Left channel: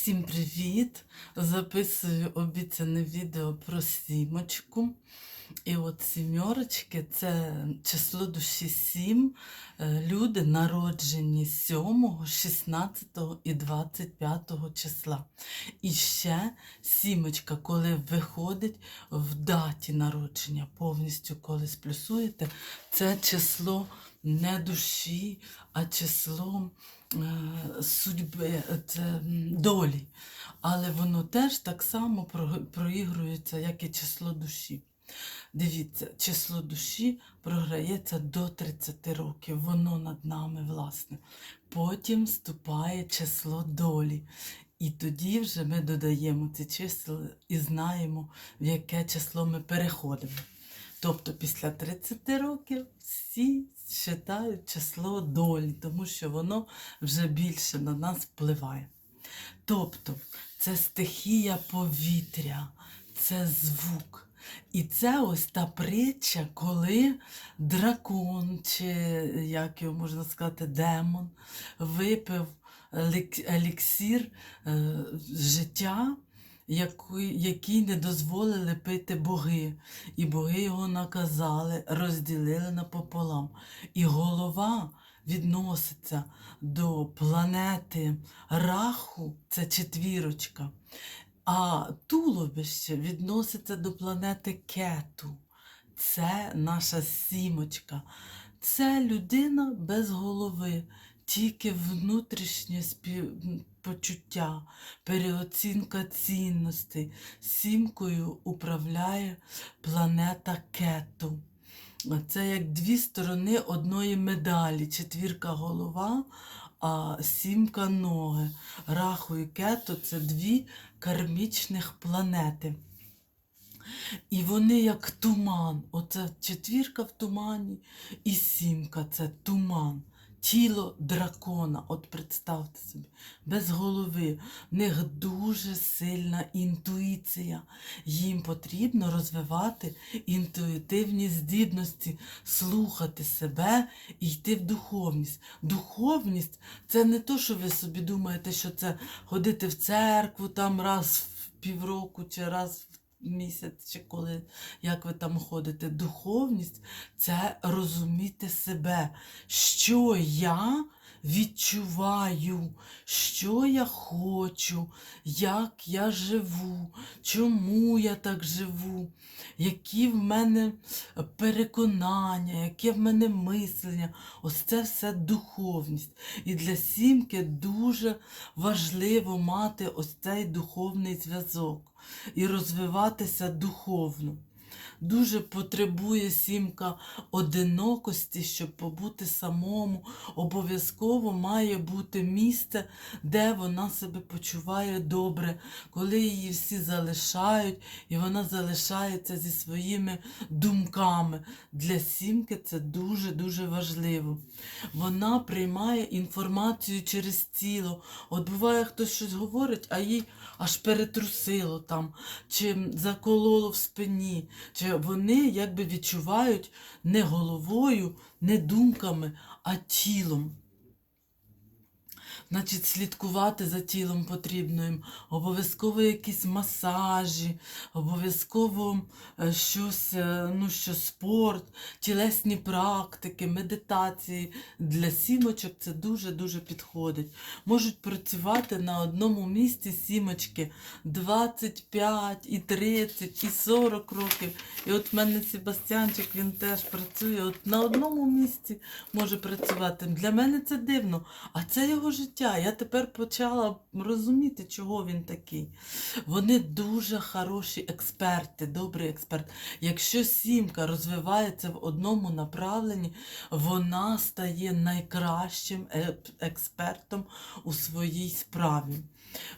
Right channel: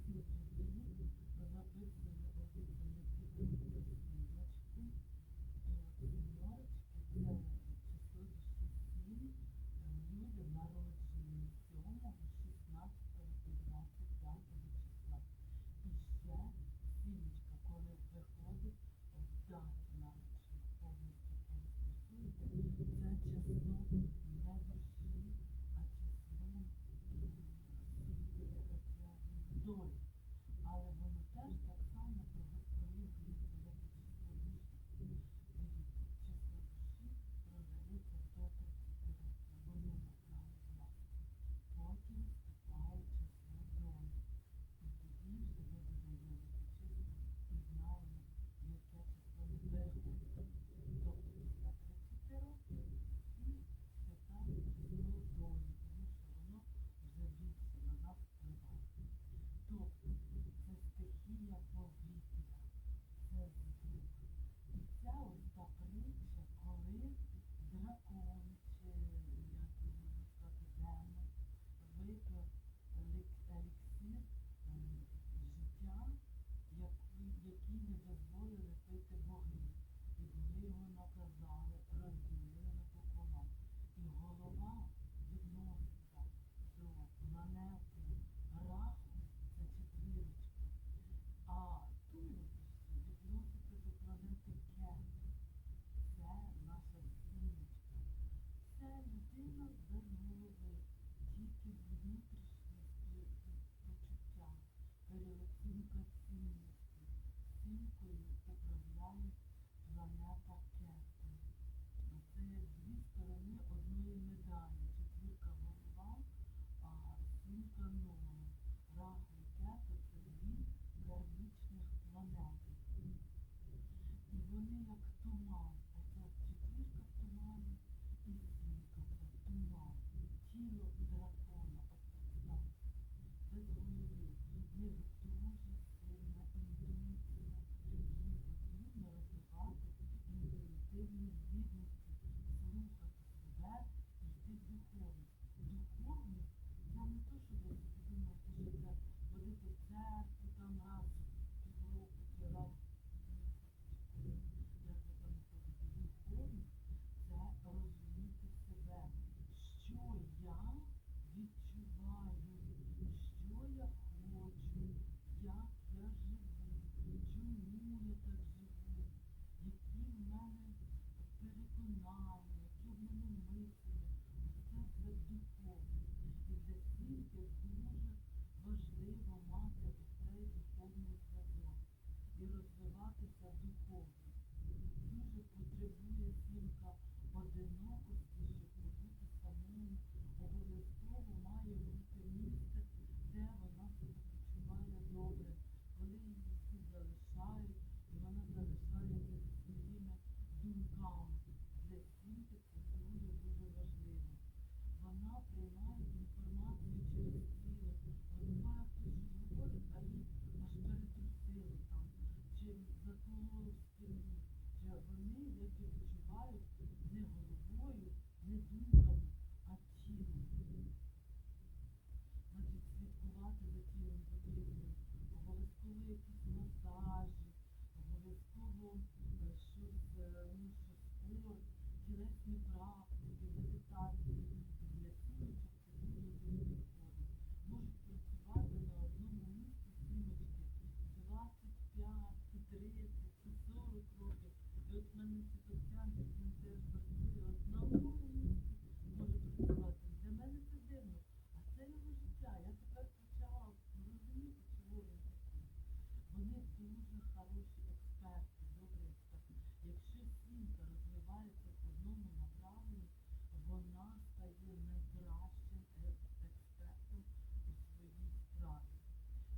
Всім привіт! Записую обіцяне відео про сімочку. І от сімерочки це число душі 7. Люди народжені 7, 16 і 25 числа. І ще сімочка, коли виходить в даті народження, повністю коли сплюсуєте, це число не душі, а число е, судьби, це долі. Але воно теж так само проігрується, як і число душі. Дивіться, число душі програється до 30 років, воно над нами, власне. Потім вступає число долі. І тоді вже ми додаємо ці числа і знаємо, в яке число ми переходимо. Тобто після 30 років всі вважають число долі, тому що воно вже більше на нас впливає. Тобто це стихія повітря, це звук. І це ось та притча, коли дракон, чи як його можна сказати, демон, випив еліксір е, життя, який, не дозволили пити боги. І боги його наказали, розділили напополам. І голова відноситься до планети Раху, це четвірочка. А туловище відноситься до планети Кету. Це наша сімочка. Це людина без голови, тільки внутрішнє співпочуття, переоцінка цінностей. Сімкою управляє планета Кету. Це як дві сторони одної медалі. Четвірка голова, а сімка ноги. Раху і кету це дві кармічних планети. І вони як туман. Оце четвірка в тумані і сімка це туман. Тіло дракона, от представте собі, без голови. В них дуже сильна інтуїція. Їм потрібно розвивати інтуїтивні здібності, слухати себе і йти в духовність. Духовність це не то, що ви собі думаєте, що це ходити в церкву там раз в півроку чи раз місяць, чи коли як ви там ходите. Духовність це розуміти себе, що я відчуваю, що я хочу, як я живу, чому я так живу, які в мене переконання, яке в мене мислення. Ось це все духовність. І для сімки дуже важливо мати ось цей духовний зв'язок і розвиватися духовно. Дуже потребує сімка одинокості, щоб побути самому. Обов'язково має бути місце, де вона себе почуває добре, коли її всі залишають, і вона залишається зі своїми думками. Для сімки це дуже-дуже важливо. Вона приймає інформацію через тіло. От буває, хтось щось говорить, а їй аж перетрусило там, чи закололо в спині, чи вони якби відчувають не головою, не думками, а тілом. Значить, слідкувати за тілом потрібно їм. Обов'язково якісь масажі, обов'язково е, щось, е, ну що спорт, тілесні практики, медитації. Для сімочок це дуже-дуже підходить. Можуть працювати на одному місці сімочки 25, і 30, і 40 років. І от в мене Себастьянчик, він теж працює от на одному місці може працювати. Для мене це дивно, а це його життя. Я тепер почала розуміти, чого він такий. Вони дуже хороші експерти, добрий експерт. Якщо сімка розвивається в одному направленні, вона стає найкращим е- експертом у своїй справі.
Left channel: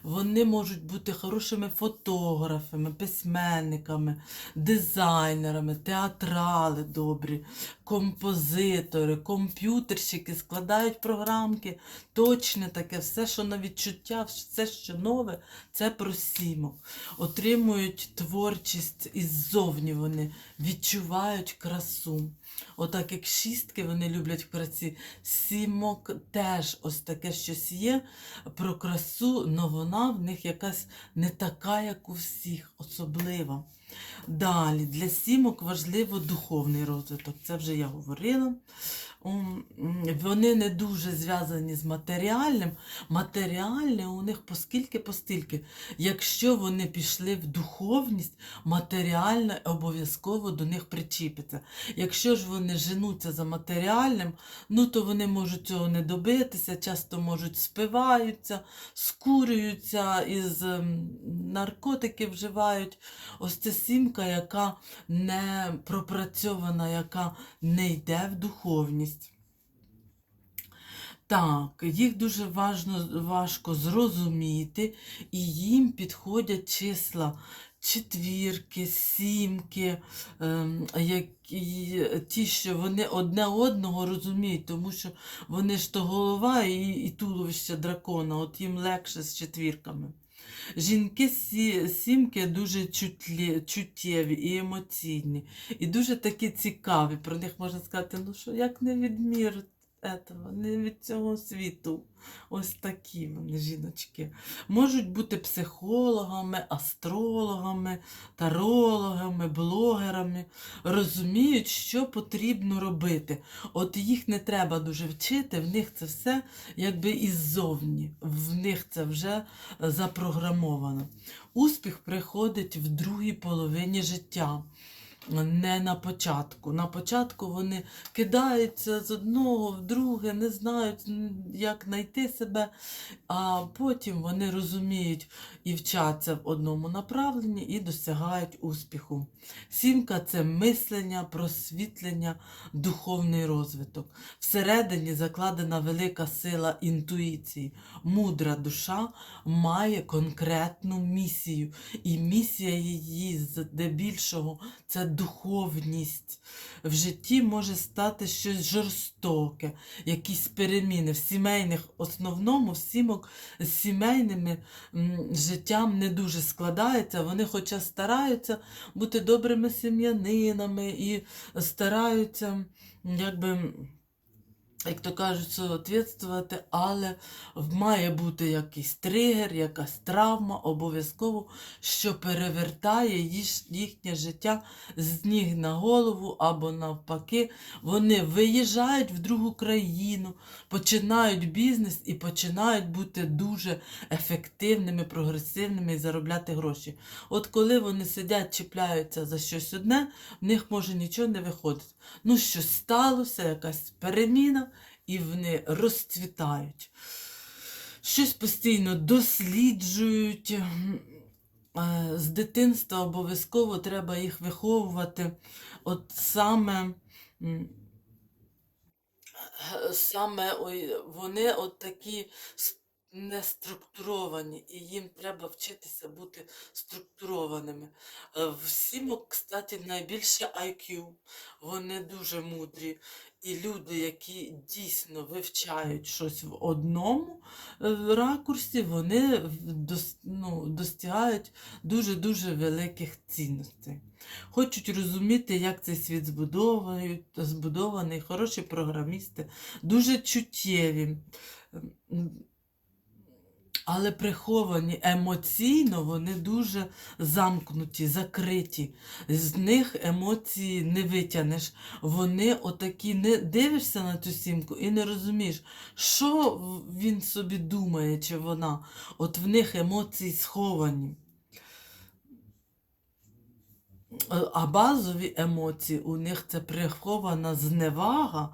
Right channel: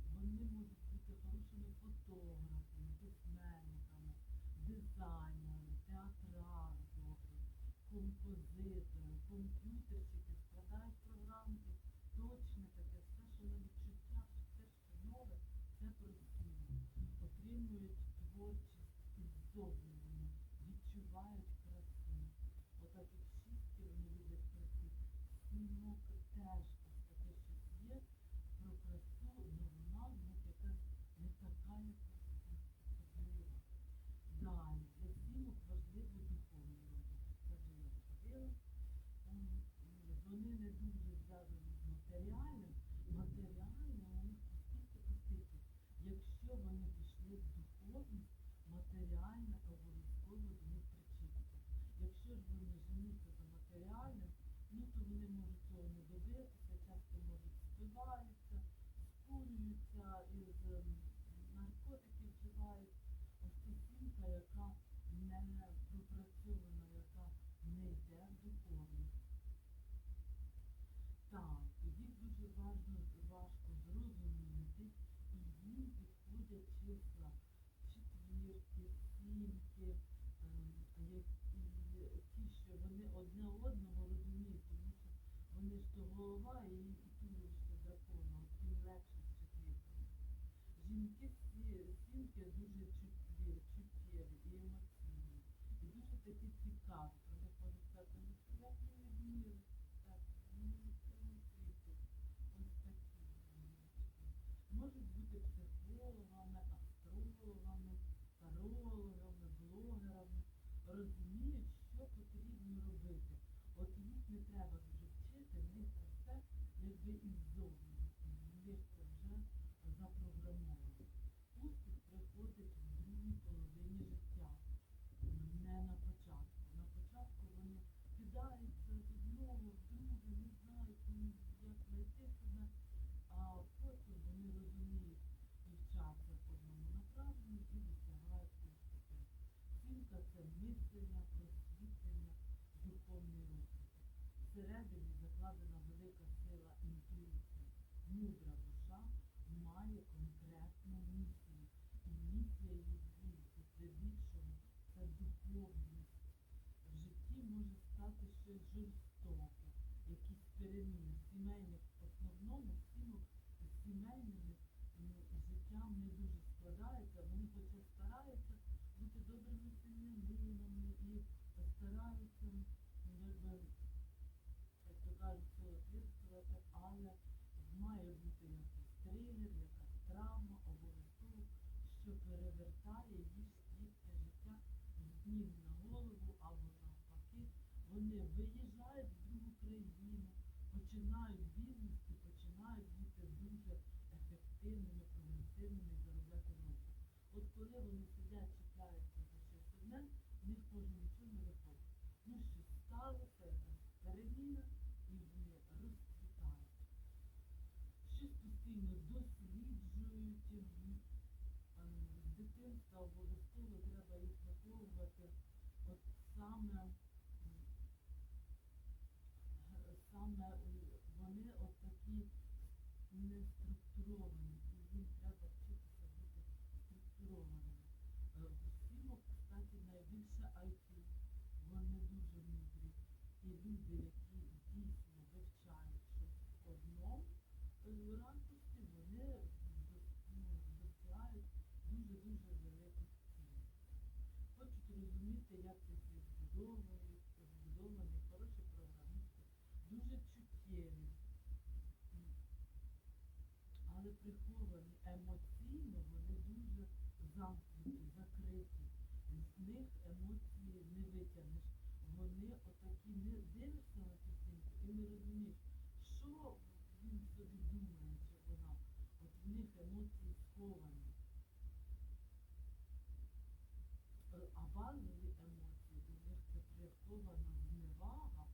Вони можуть бути хорошими фотографами, письменниками, дизайнерами, театрали добрі, композитори, комп'ютерщики складають програмки. Точне таке, все, що на відчуття, все, що нове, це про сімок. Отримують творчість іззовні вони, відчувають красу. Отак як шістки вони люблять в праці. Сімок теж ось таке щось є про красу, але вона в них якась не така, як у всіх, особлива. Далі, для сімок важливо духовний розвиток. Це вже я говорила. Вони не дуже зв'язані з матеріальним. Матеріальне у них поскільки постільки. Якщо вони пішли в духовність, матеріальне обов'язково до них причіпиться. Якщо ж вони женуться за матеріальним, ну то вони можуть цього не добитися, часто можуть спиваються, скурюються, із наркотики вживають. Ось це сімка, яка не пропрацьована, яка не йде в духовність. Так, їх дуже важно, важко зрозуміти, і їм підходять числа четвірки, сімки, ем, які, ті, що вони одне одного розуміють, тому що вони ж то голова і, і туловище дракона, от їм легше з четвірками. Жінки сі, сімки дуже чутлі, чуттєві і емоційні, і дуже такі цікаві. Про них можна сказати, ну що як не від этого, не від цього світу. Ось такі вони жіночки. Можуть бути психологами, астрологами, тарологами, блогерами. Розуміють, що потрібно робити. От їх не треба дуже вчити, в них це все якби іззовні. В них це вже запрограмовано. Успіх приходить в другій половині життя. Не на початку. На початку вони кидаються з одного в друге, не знають, як знайти себе, а потім вони розуміють і вчаться в одному направленні і досягають успіху. Сімка це мислення, просвітлення, духовний розвиток. Всередині закладена велика сила інтуїції. Мудра душа має конкретну місію, і місія її здебільшого це духовність. В житті може стати щось жорстоке, якісь переміни. В сімейних, основному, сімок з сімейними життям не дуже складається. Вони хоча стараються бути добрими сім'янинами і стараються, якби. Як то кажуть, соответствувати, але має бути якийсь тригер, якась травма, обов'язково, що перевертає їх- їхнє життя з ніг на голову або навпаки. Вони виїжджають в другу країну, починають бізнес і починають бути дуже ефективними, прогресивними і заробляти гроші. От коли вони сидять, чіпляються за щось одне, в них може нічого не виходити. Ну, щось сталося, якась переміна, і вони розцвітають. Щось постійно досліджують. Е, З дитинства обов'язково треба їх виховувати. От саме, е, саме вони от такі с- неструктуровані, і їм треба вчитися бути структурованими. Е, В сімок, кстати, найбільше IQ. Вони дуже мудрі. І люди, які дійсно вивчають щось в одному е, ракурсі, вони ну, достигають дуже-дуже великих цінностей. Хочуть розуміти, як цей світ збудований, хороші програмісти, дуже чуттєві. Але приховані емоційно, вони дуже замкнуті, закриті. З них емоції не витягнеш. Вони отакі не дивишся на цю сімку і не розумієш, що він собі думає, чи вона. От в них емоції сховані. А базові емоції у них це прихована зневага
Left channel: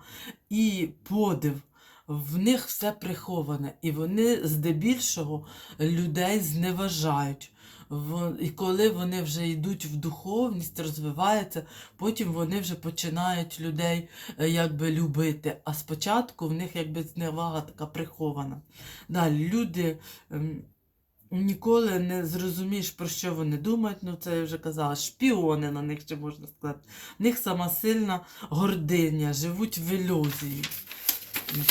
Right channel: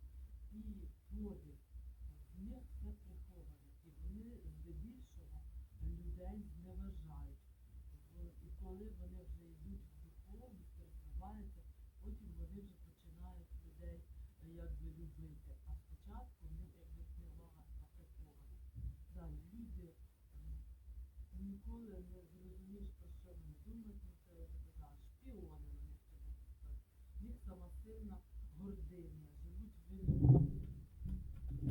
і подив. В них все приховане, і вони здебільшого людей зневажають. І коли вони вже йдуть в духовність, розвиваються, потім вони вже починають людей е, якби любити. А спочатку в них якби зневага така прихована. Далі люди ем, ніколи не зрозумієш, про що вони думають. Ну, це я вже казала, шпіони на них ще можна сказати. В них сама сильна гординя, живуть в ілюзії.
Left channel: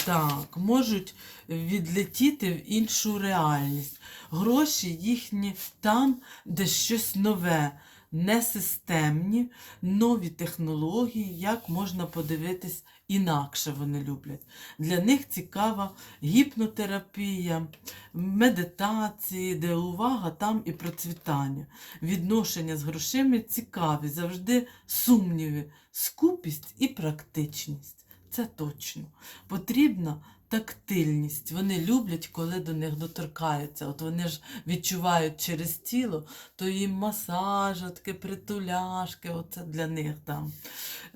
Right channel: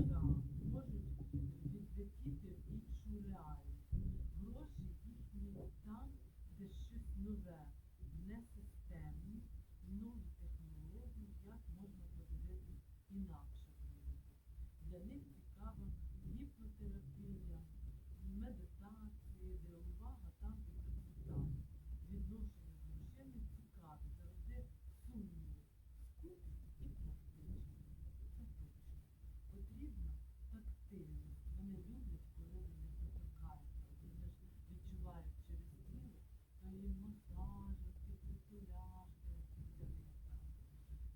Так, можуть відлетіти в іншу реальність. Гроші їхні там, де щось нове, несистемні, нові технології, як можна подивитись інакше вони люблять. Для них цікава гіпнотерапія, медитації, де увага, там і процвітання. Відношення з грошима цікаві, завжди сумніви, скупість і практичність. Це точно. Потрібна тактильність. Вони люблять, коли до них доторкаються. От вони ж відчувають через тіло, то їм масажатки, притуляшки, оце для них там.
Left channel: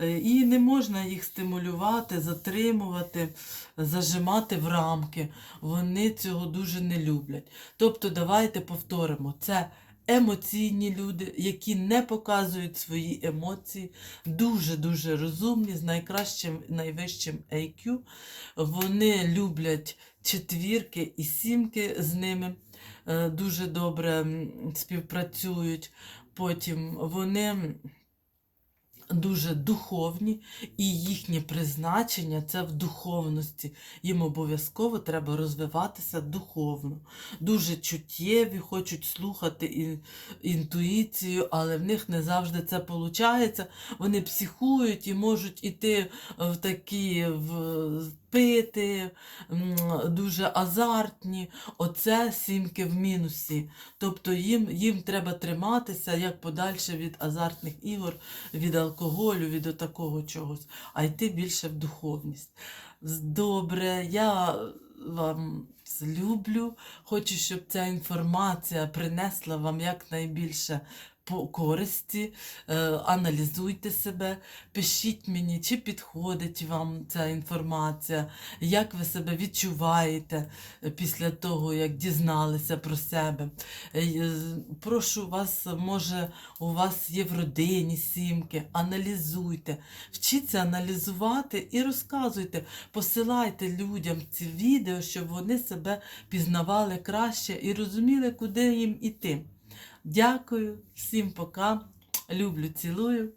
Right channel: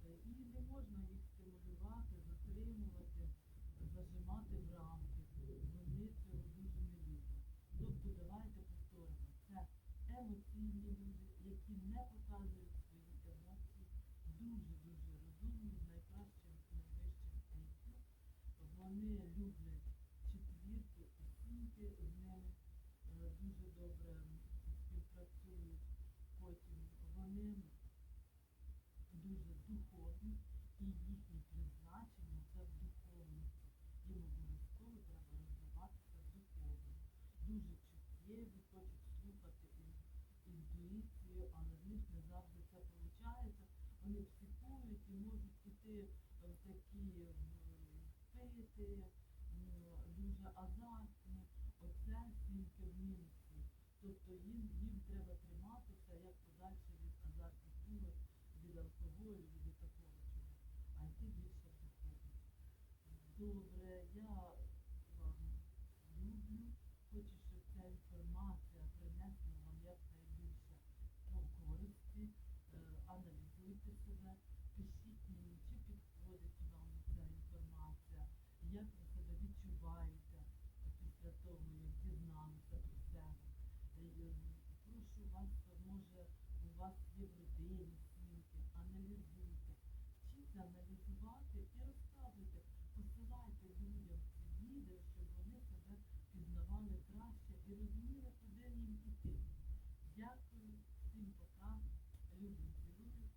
Е, І не можна їх стимулювати, затримувати, зажимати в рамки. Вони цього дуже не люблять. Тобто, давайте повторимо, це емоційні люди, які не показують свої емоції, дуже-дуже розумні, з найкращим, найвищим IQ. Вони люблять четвірки і сімки з ними е, дуже добре співпрацюють. Потім вони дуже духовні, і їхнє призначення це в духовності. Їм обов'язково треба розвиватися духовно. Дуже чуттєві, хочуть слухати ін- інтуїцію, але в них не завжди це виходить. Вони психують і можуть іти в такі в пити, дуже азартні. Оце сімки в мінусі. Тобто їм, їм треба триматися як подальше від азартних ігор, від алкоголю, від такого чогось, а йти більше в духовність. Добре, я вам люблю. Хочу, щоб ця інформація принесла вам якнайбільше користі. Е, аналізуйте себе, пишіть мені, чи підходить вам ця інформація, як ви себе відчуваєте е, після того, як дізналися про себе. Е, Прошу вас, може, у вас є в родині сімки, аналізуйте, вчіться аналізувати і розказуйте, посилайте людям ці відео, щоб вони себе пізнавали краще і розуміли, куди їм іти. Дякую, всім пока. Люблю, цілую.